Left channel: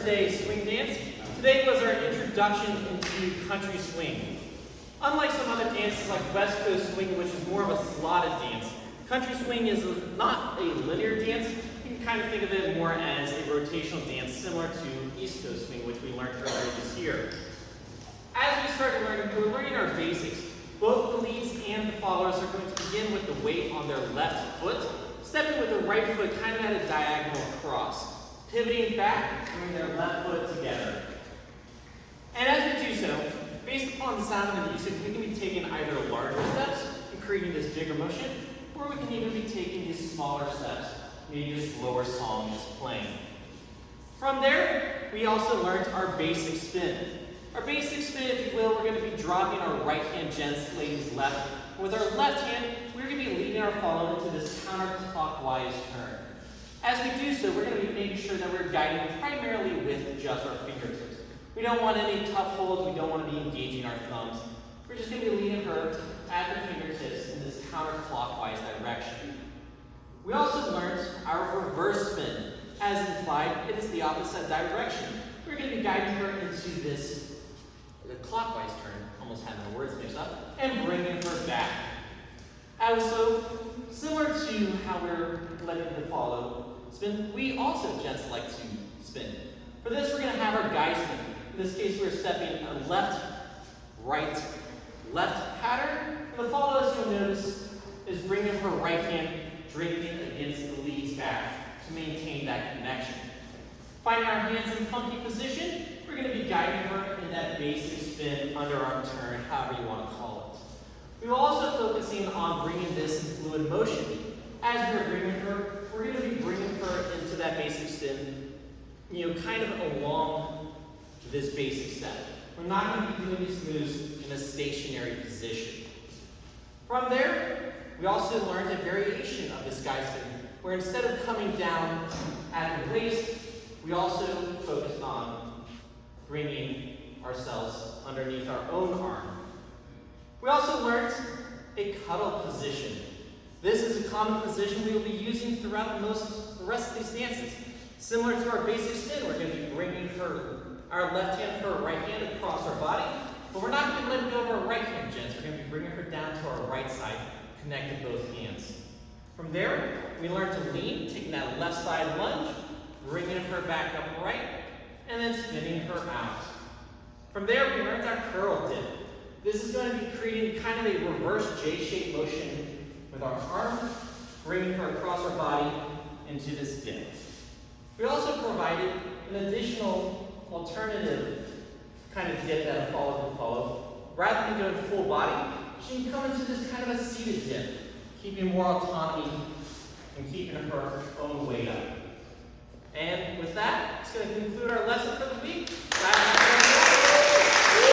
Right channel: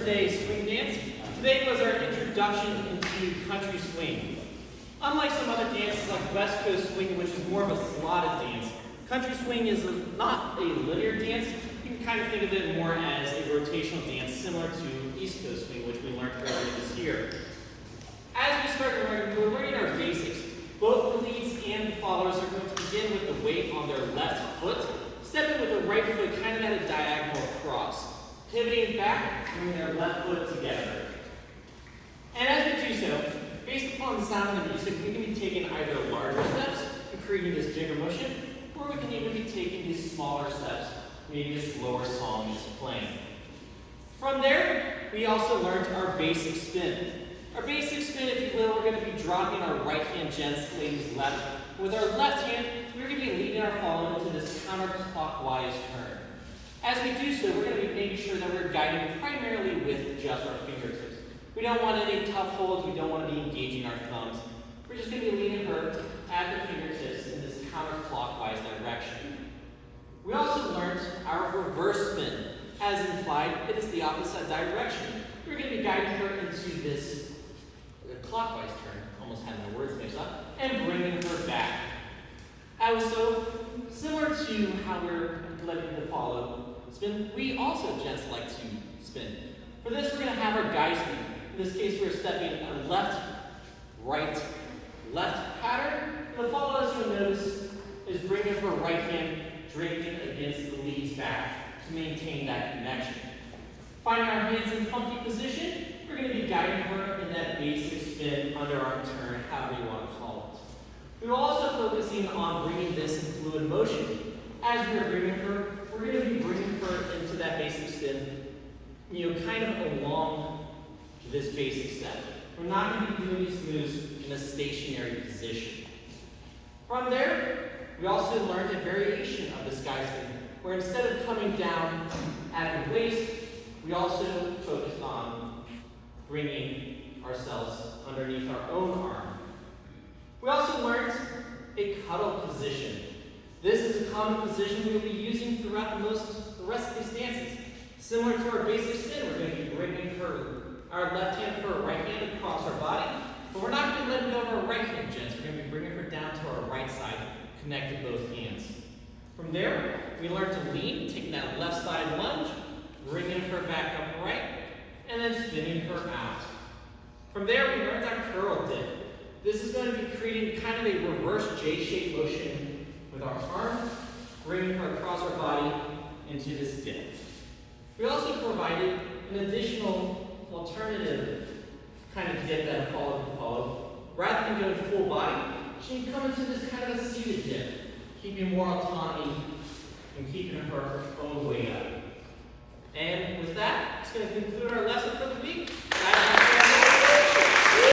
today's swing dance. Today was our introduction into country swing. Unlike some other dances like West Coast swing, which is more of a slotted dance, country swing is not a linear dance. You can kind of think of it more as a rotational dance similar to East Coast swing, which we learned earlier this year. As we start learning, we're learning our basics. Both the leads and the followers are going to begin with the weight on their left foot, stepping with the right foot kind of at a diagonal across, pivoting back, bringing their left foot together. And as we do so, based upon the sound of the music, we can be taking either larger steps and creating this bigger motion, or we can even be taking these smaller steps, maybe a slower song just playing. From there, we also learned our basic spin. Our basic spin, if you will, we're going to be dropping our right hand gents, ladies left. With our left hand, we're going to be leading our follower into this counterclockwise turn. As we do so, we're going to be making sure that we're guiding primarily with just our fingertips. We don't want any tough holds, we don't want to be engaging our thumbs. We're just going to be leading her at the fingertips in this counterclockwise direction. We also learned our reverse spin. As implied, it is the opposite direction. We're going to be guiding her into this clockwise turn, almost having the words mixed up, and bringing her back. Also, similar to how we're letting the follow spin, we also gents like to spin. For this, we're going to have our guy spin. In this case, we're stepping a left, right, left pattern. And the follow, as you'll notice, is bringing her right hand draping against the lead's back to maintain that connection. Finding our hands in funky position, we're going to be guiding her in that basic spin, underarm turn, however you want to call it. We're also focusing on bringing this in fluid motion. As we're bringing her, we're going to be bringing her into that basic spin, kind of along this basic step. We're not going to be doing these moves in a stationary position. From there, we also learned a variation of this guy spin, where instead of coming down at the waist, we also focused on bringing ourselves underneath our own arm. We also learned a cuddle position. This is a common position we will be using throughout the rest of these dances. Similar to our basic spin, we're going to be bringing our left hand, her right hand across our body, but we're not going to be letting go of our right hand, gents. We're going to be bringing her down to our right side, connected both hands. From there, we learned to lean, taking that left side lunge, bringing her back upright, and then spinning her out. From there, we learned our curl dip. This is going to be creating kind of a reverse J-shaped motion with our arm, bringing her across our body into this dip. We also provided an additional alternative kind of dip that a follower can follow. Rather than going full body, she can come into this kind of a seated dip, keeping more autonomy and keeping her own weight up. And with that, it's going to conclude our lesson for the week.